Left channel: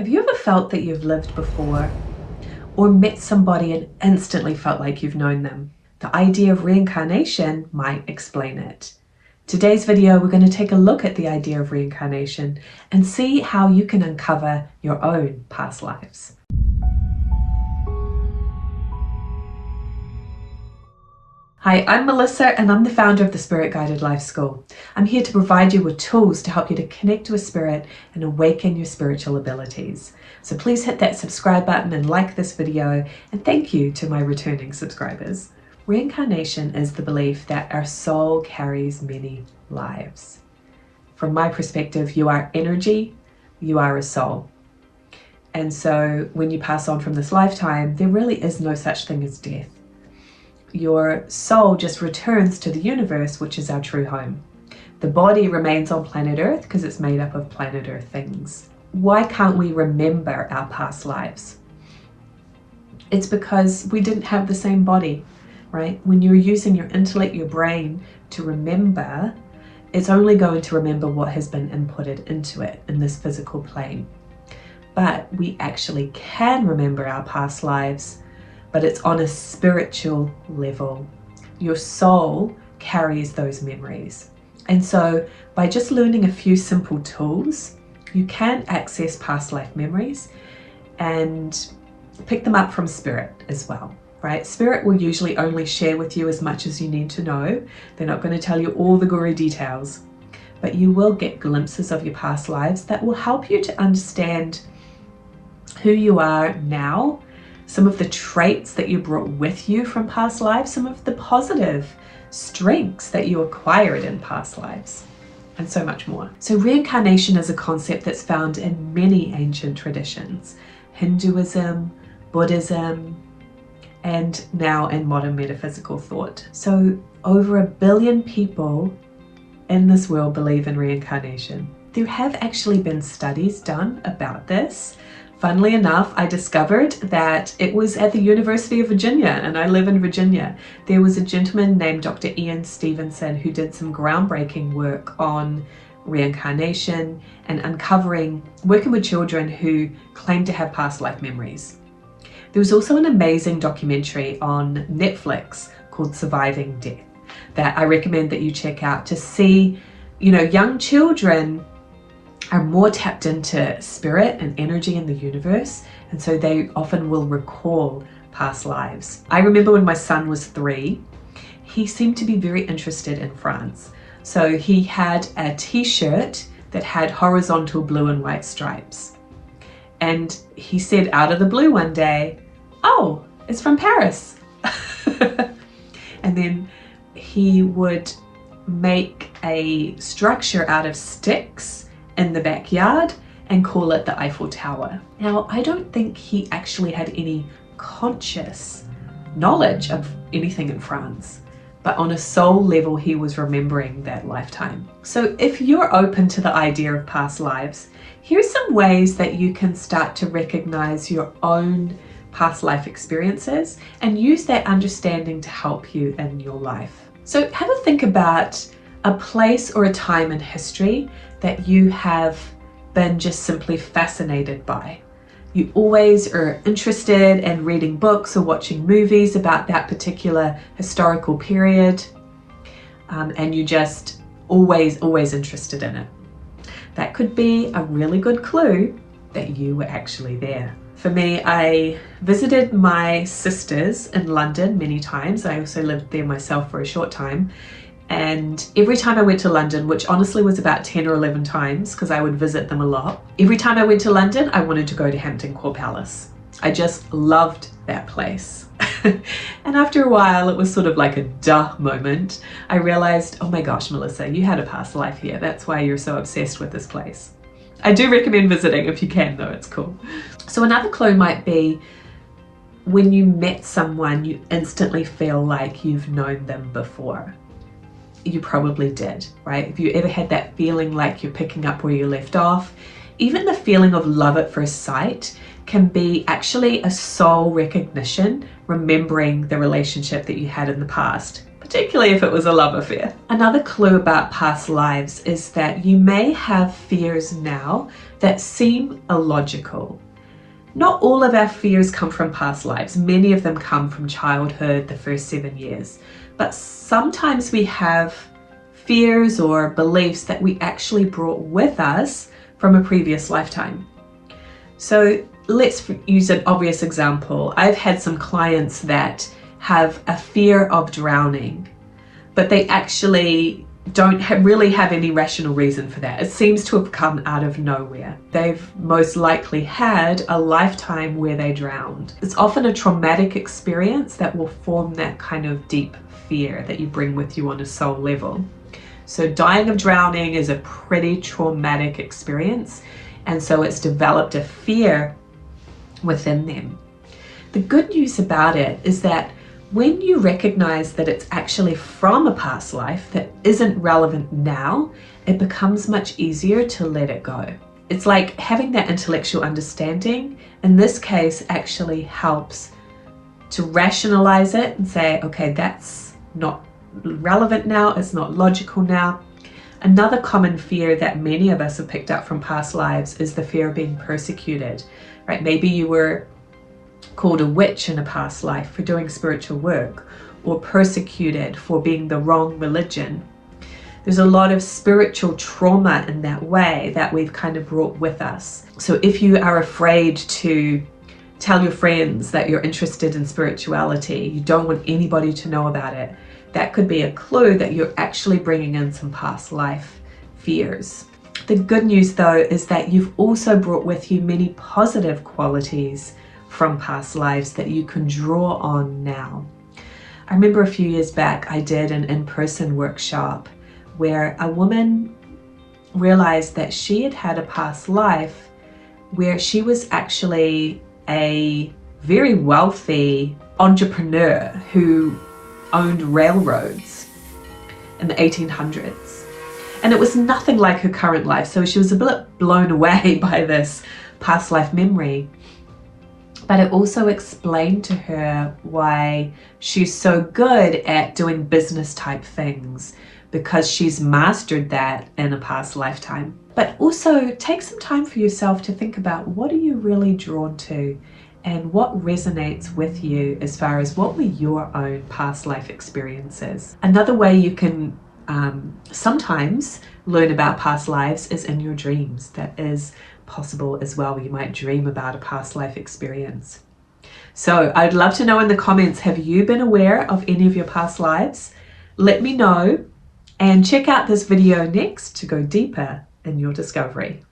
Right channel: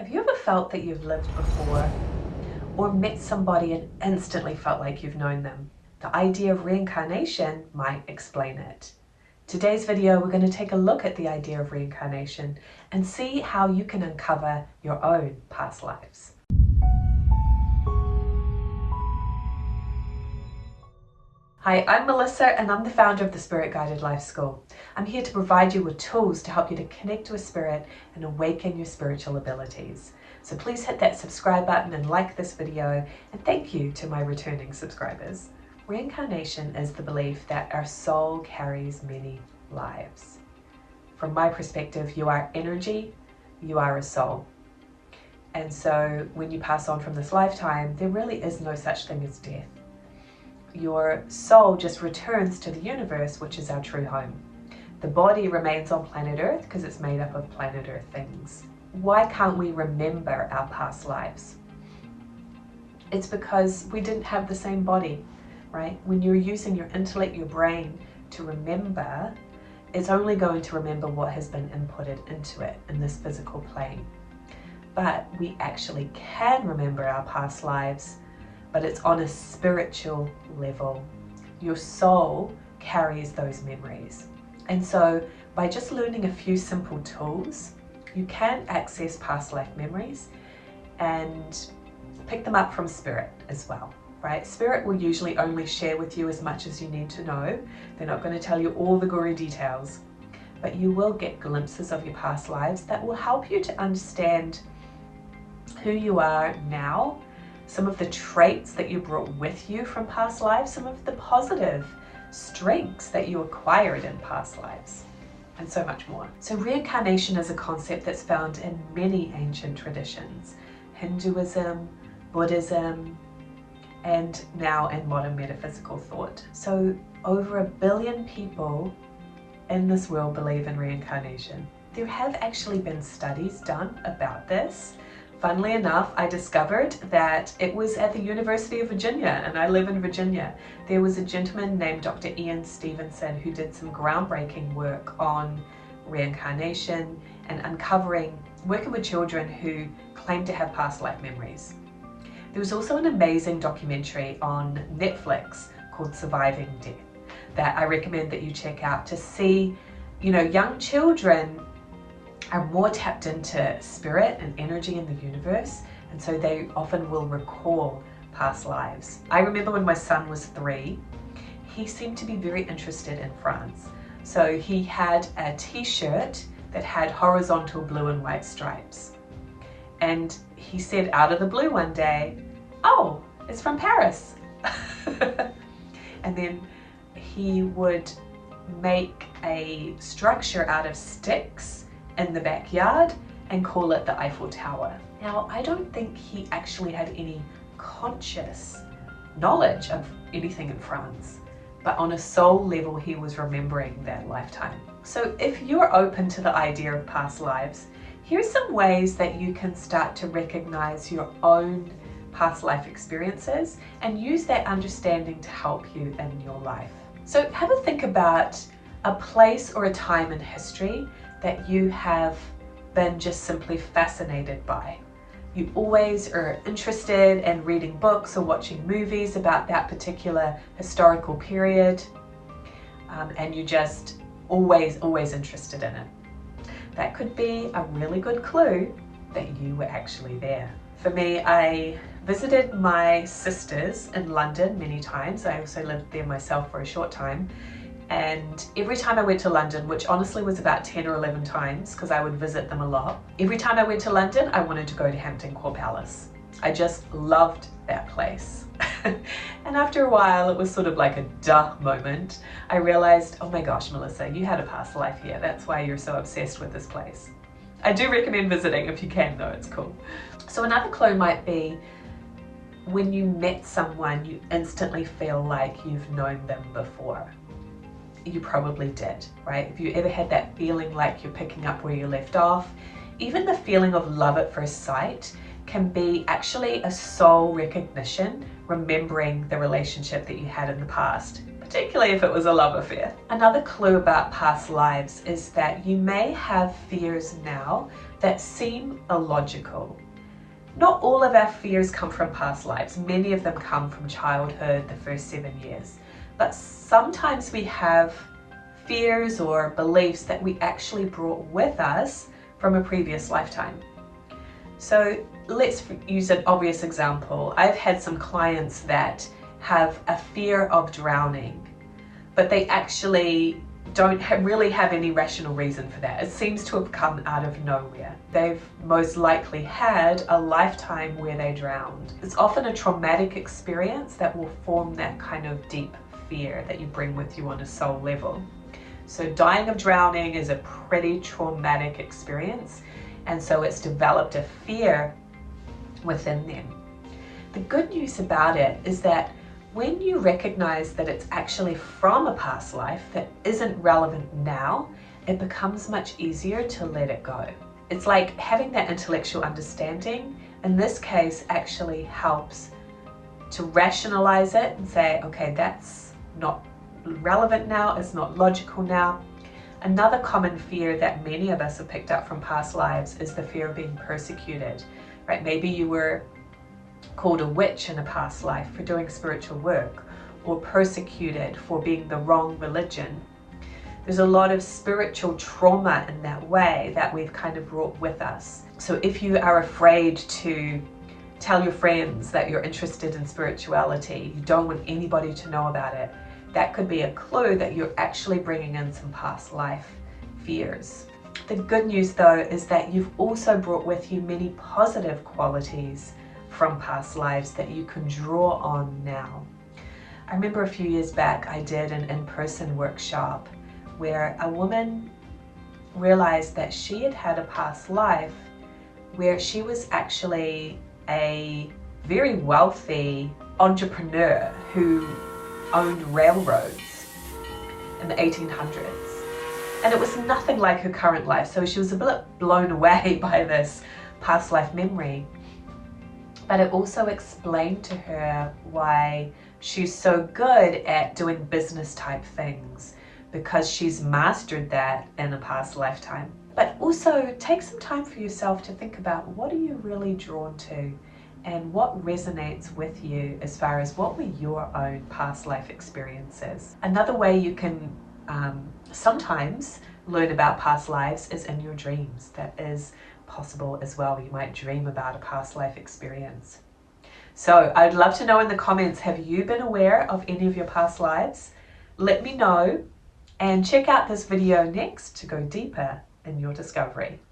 Have you ever felt that you've lived before or met somebody and instantly felt like you've known them? The idea of reincarnation might explain it. Today's video, we're going to take a look at the idea of reincarnation and see how you can uncover your own past lives. Hi, I'm Melissa and I'm the founder of the Spirit Guided Life School. I'm here to provide you with tools to help you to connect with spirit and awaken your spiritual abilities. So please hit that subscribe button and like this video, and thank you to my returning subscribers. Reincarnation is the belief that our soul carries many lives. From my perspective, you are energy, you are a soul. And so when you pass on from this lifetime, there really is no such thing as death. Your soul just returns to the universe, which is our true home. The body remains on planet Earth because it's made up of planet Earth things. Why can't we remember our past lives? It's because we didn't have the same body, right? When you're using your intellect, your brain to remember, it's only going to remember what has been inputted into it in this physical plane. But we actually can remember our past lives, but it's on a spiritual level. Your soul carries those memories. And so by just learning a few simple tools, you can access past life memories and pick them up from spirit as well, right? Spirit will usually only share with you as much as you need to know. They're not going to tell you all the gory details, but you will get glimpses of your past lives that will help you to understand who you are now, some of the traits that you brought with you from past lives, some of the positive strengths that you acquired in past lives, and so much more. So reincarnation is a concept that's found in many ancient traditions: Hinduism, Buddhism, and now in modern metaphysical thought. So over 1 billion people in this world believe in reincarnation. There have actually been studies done about this. Funnily enough, I discovered that it was at the University of Virginia, and I live in Virginia. There was a gentleman named Dr. Ian Stevenson who did some groundbreaking work on reincarnation and working with children who claim to have past life memories. There was also an amazing documentary on Netflix called Surviving Death that I recommend that you check out to see, young children are more tapped into spirit and energy in the universe, and so they often will recall past lives. I remember when my son was 3, he seemed to be very interested in France. So he had a t-shirt that had horizontal blue and white stripes. And he said out of the blue one day, "Oh, it's from Paris." And then he would make a structure out of sticks in the backyard and call it the Eiffel Tower. Now, I don't think he actually had any conscious knowledge of anything in France, but on a soul level, he was remembering that lifetime. So if you're open to the idea of past lives, here's some ways that you can start to recognize your own past life experiences and use that understanding to help you in your life. So have a think about a place or a time in history that you have been just simply fascinated by. You always are interested in reading books or watching movies about that particular historical period, and you just always interested in it. That could be a really good clue that you were actually there. For me, I visited my sisters in London many times. I also lived there myself for a short time. And every time I went to London, which honestly was about 10 or 11 times because I would visit them a lot, every time I went to London, I wanted to go to Hampton Court Palace. I just loved that place. And after a while, it was sort of like a duh moment. I realized, oh my gosh, Melissa, you had a past life here. That's why you're so obsessed with this place. I do recommend visiting if you can, though, it's cool. So another clue might be when you met someone, you instantly feel like you've known them before. You probably did, right? If you ever had that feeling like you're picking up where you left off, even the feeling of love at first sight can be actually a soul recognition, remembering the relationship that you had in the past, but particularly if it was a love affair. Another clue about past lives is that you may have fears now that seem illogical. Not all of our fears come from past lives. Many of them come from childhood, the first 7 years. But sometimes we have fears or beliefs that we actually brought with us from a previous lifetime. So let's use an obvious example. I've had some clients that have a fear of drowning, but they actually don't really have any rational reason for that. It seems to have come out of nowhere. They've most likely had a lifetime where they drowned. It's often a traumatic experience that will form that kind of deep fear that you bring with you on a soul level. So dying of drowning is a pretty traumatic experience, and so it's developed a fear within them. The good news about it is that when you recognize that it's actually from a past life that isn't relevant now, it becomes much easier to let it go. It's like having that intellectual understanding, in this case, actually helps to rationalize it and say, okay, that's not relevant now, it's not logical now. Another common fear that many of us have picked up from past lives is the fear of being persecuted, right? Maybe you were called a witch in a past life for doing spiritual work, or persecuted for being the wrong religion. There's a lot of spiritual trauma in that way that we've kind of brought with us. So if you are afraid to tell your friends that you're interested in spirituality, you don't want anybody to know about it, that could be a clue that you're actually bringing in some past life fears. The good news though is that you've also brought with you many positive qualities from past lives that you can draw on now. I remember a few years back I did an in-person workshop where a woman realized that she had had a past life where she was actually a very wealthy entrepreneur who owned railroads in the 1800s. And it was nothing like her current life, so she was a bit blown away by this past life memory. But it also explained to her why she's so good at doing business type things, because she's mastered that in a past lifetime. But also take some time for yourself to think about, what are you really drawn to and what resonates with you as far as what were your own past life experiences. Another way you can sometimes learn about past lives is in your dreams. That is possible as well. You might dream about a past life experience. So I'd love to know in the comments, have you been aware of any of your past lives? Let me know, and check out this video next to go deeper in your discovery.